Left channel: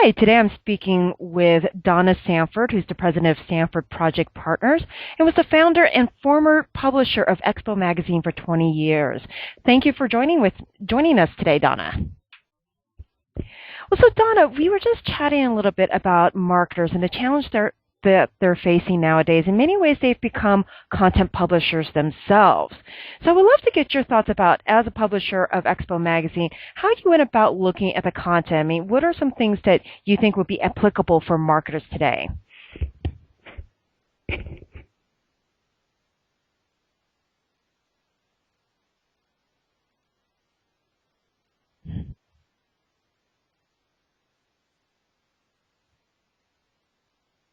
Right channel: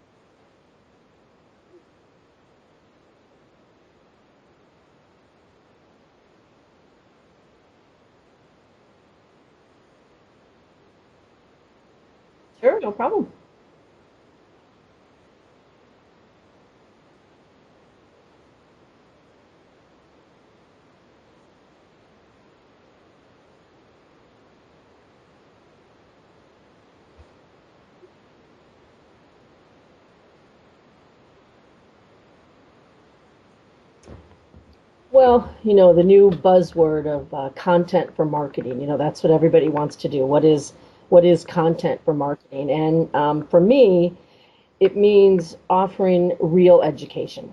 Hi, today I'm speaking with Donna Sanford, who's the president of Sanford Project Partners and was the founder and former publisher of Expo Magazine for 20 years. Thank you for joining us today, Donna. Sure, no problem. Well, so Donna, we were just chatting a little bit about marketers and the challenge that they're facing nowadays. In many ways, they've become content publishers themselves. So I would love to get your thoughts about, as a publisher of Expo Magazine, how you went about looking at the content. I mean, what are some things that you think would be applicable for marketers today? Well, the new buzzword of content for marketing, that's what everybody wants to do. What is content for marketing? And for me, it means offering real education.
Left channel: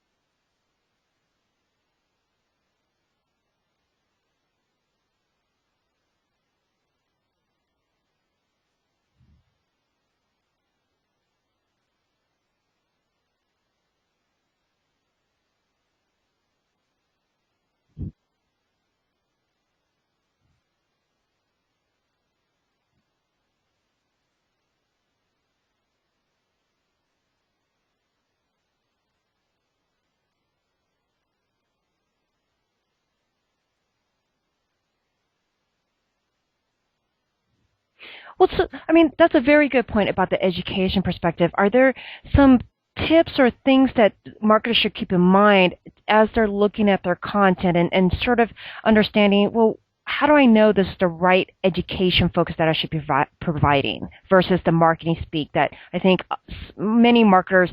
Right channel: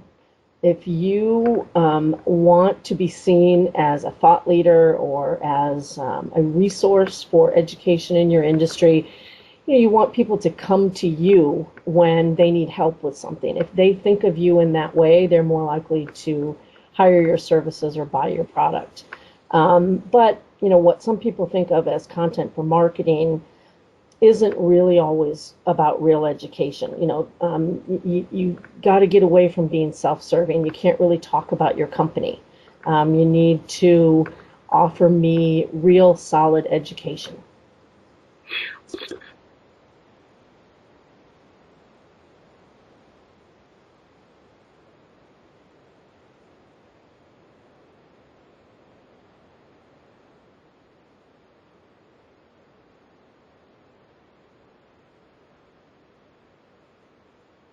If you want to be seen as a thought leader or as a resource for education in your industry, you want people to come to you when they need help with something. If they think of you in that way, they're more likely to hire your services or buy your product. But what some people think of as content for marketing isn't really always about real education. You got to get away from being self-serving. You can't really talk about your company. You need to offer me real solid education. Well, so, I mean, that's a very good point about the education perspective. Are there some tips or things that marketers should keep in mind as they're looking at their content and sort of understanding, well, how do I know this is the right education focus that I should be providing versus the marketing speak that I think many marketers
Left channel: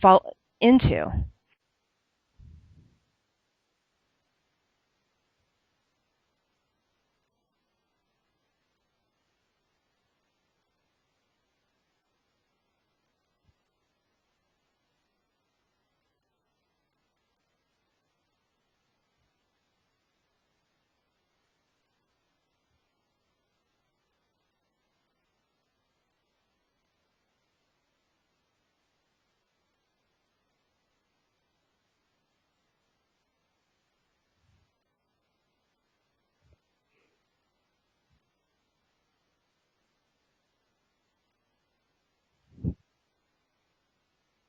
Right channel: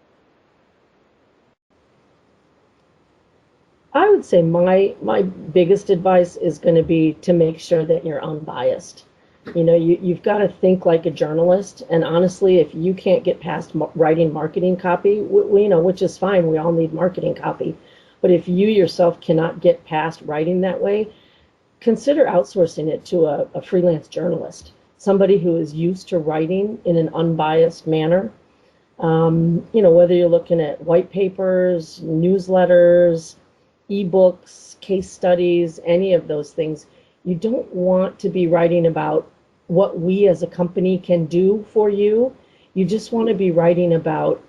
fall into? I would say my biggest advice is going to be to make sure that you're unbiased. You've got to think like a journalist. And honestly, if you can't get past writing marketing copy, which is fine, we all need marketing copy. But if you yourself cannot get past writing that way, consider outsourcing it to a freelance journalist, somebody who is used to writing in an unbiased manner. Whether you're looking at white papers, newsletters, ebooks, case studies, any of those things, you don't want to be writing about what we as a company can do for you. You just want to be writing about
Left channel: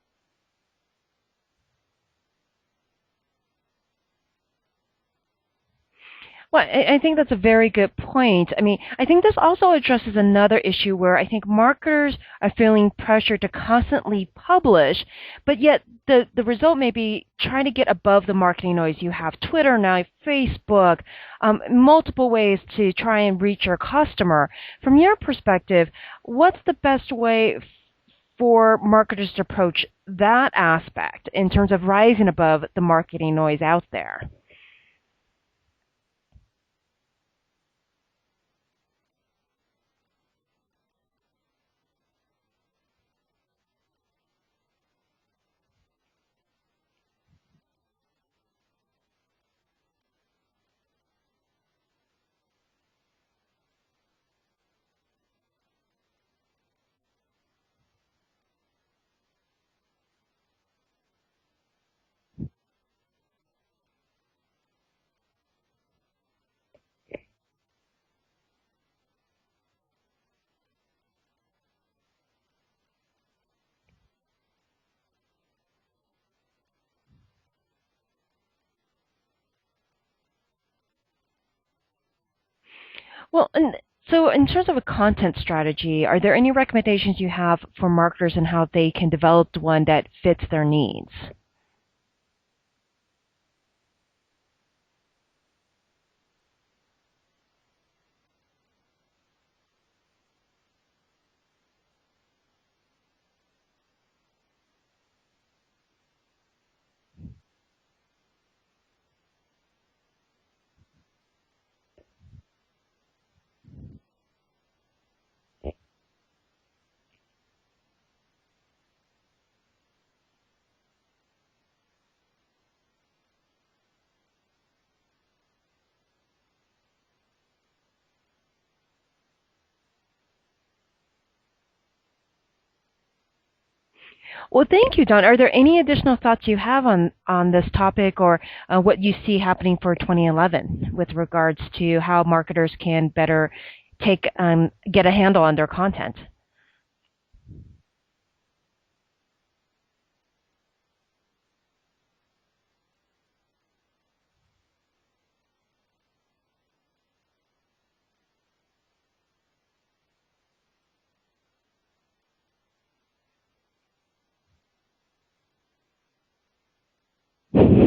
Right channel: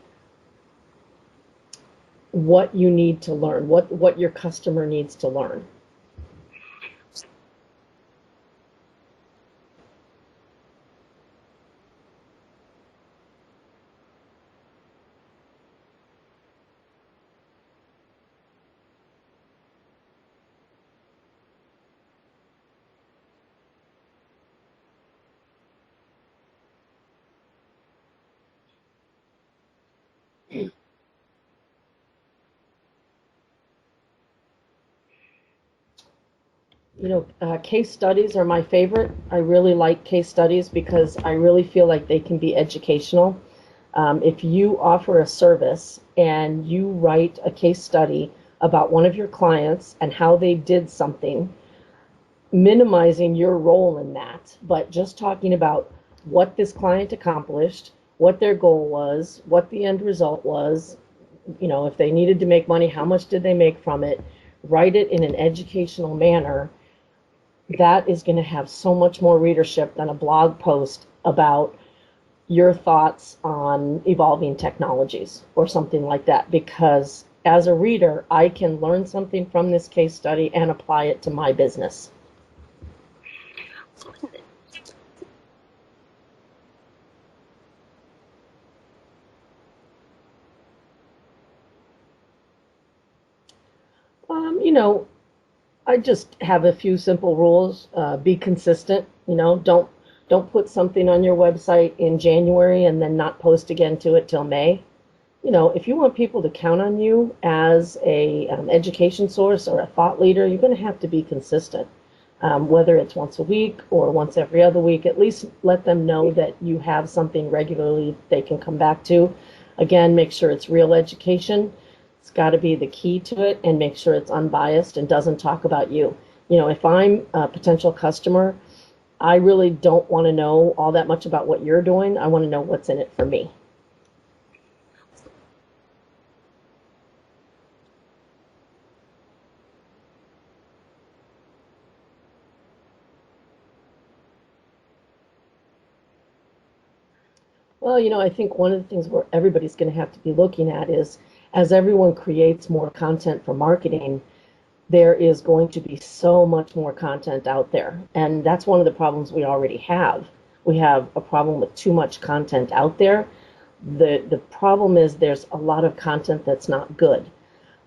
what you need to learn, what your customer needs to learn. Well, I think that's a very good point. I mean, I think this also addresses another issue where I think marketers are feeling pressure to constantly publish, but yet the result may be trying to get above the marketing noise. You have Twitter now, Facebook, multiple ways to try and reach your customer. From your perspective, what's the best way for marketers to approach that aspect in terms of rising above the marketing noise out there? Case studies are my favorite. I really like case studies because I really feel like they can be educational. If you offer a service and you write a case study about one of your clients and how they did something, minimizing your role in that, but just talking about what this client accomplished, what their goal was, what the end result was, if they needed to make money, how much did they make from it, write it in an educational manner, that is going to have so much more readership than a blog post about your thoughts on evolving technologies or something like that. Because as a reader, I can learn something from this case study and apply it to my business. Well, and so in terms of a content strategy, are there any recommendations you have for marketers and how they can develop one that fits their needs? Um, you know, I just have a few simple rules. Be consistent. Don't put something on your website in January and then not post again to it till May. If you want people to count on you as a education source or a thought leader, you're going to have to be consistent. Whether it's once a week or once every other week, at least let them know that you have something regularly they can come back to. Again, make sure it's real education. It's got to be the key to it, and make sure it's unbiased and doesn't talk about you. If I'm a potential customer, I really don't want to know all that much about what you're doing. I want to know what's in it for me. Well, thank you, Don. Are there any additional thoughts you have on this topic or what you see happening for 2011 with regards to how marketers can better get a handle on their content? Well, I think one of the things where everybody's going to have to be looking at is as everyone creates more content for marketing, there is going to be so much more content out there. And that's one of the problems we already have. We have a problem with too much content out there. The problem is there's a lot of content that's not good.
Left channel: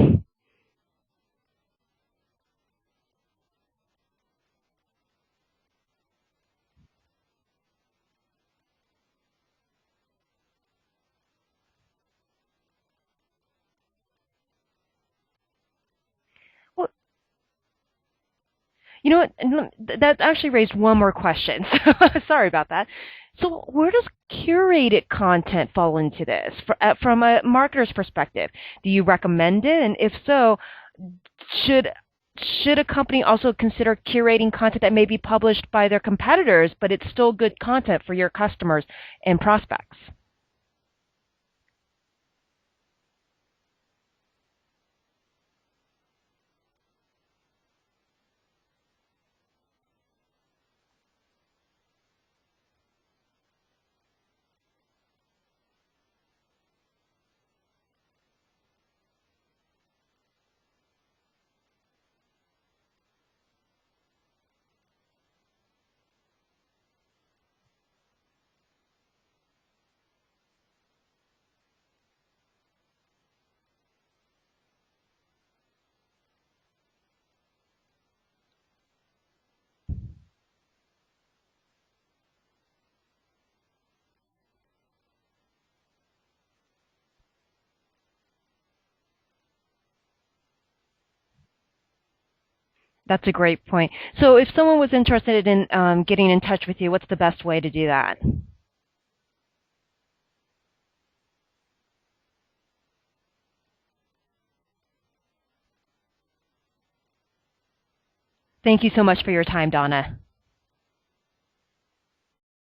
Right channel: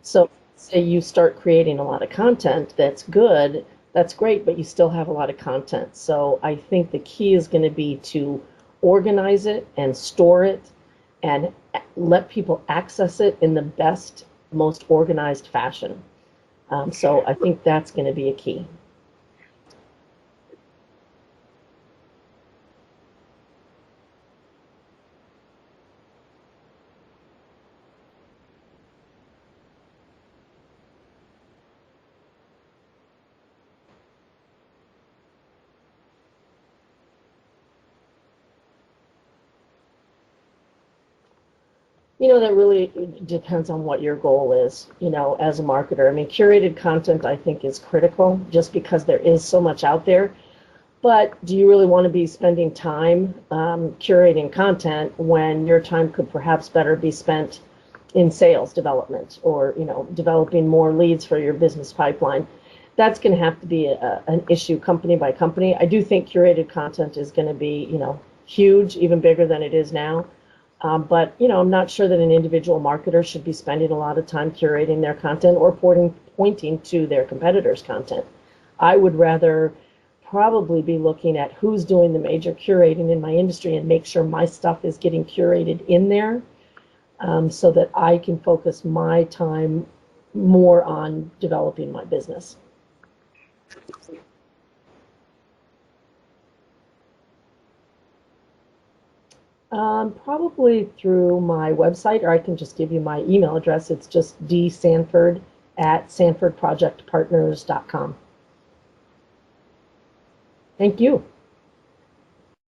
So say you start creating a lot of content that's good, that's great, but you still have a lot of content. So I think the key is going to be to organize it and store it and let people access it in the best, most organized fashion. Well, So I think that's going to be a key. you know what? That actually raised one more question. Sorry about that. So where does curated content fall into this from a marketer's perspective? Do you recommend it? And if so, should should a company also consider curating content that may be published by their competitors, but it's still good content for your customers and prospects? That really depends on what your goal is, as a marketer. I mean, curated content, I think, is critical just because there is so much out there. But do you really want to be spending time curating content when your time could perhaps better be spent in sales development or, developing more leads for your business pipeline? That's going to have to be an issue company by company. I do think curated content is going to be, huge, even bigger than it is now. But, I'm not sure that an individual marketer should be spending a lot of time curating their content or pointing to their competitors' content. I would rather probably be looking at who's doing the major curating in my industry and make sure my stuff is getting curated in there, so that I can focus my time more on developing my business. That's a great point. So if someone was interested in getting in touch with you, what's the best way to do that? Probably through my website, or I can just give you my email address. It's just dsanford@sanfordprojectpartners.com. Thank you so much for your time, Donna. Thank you.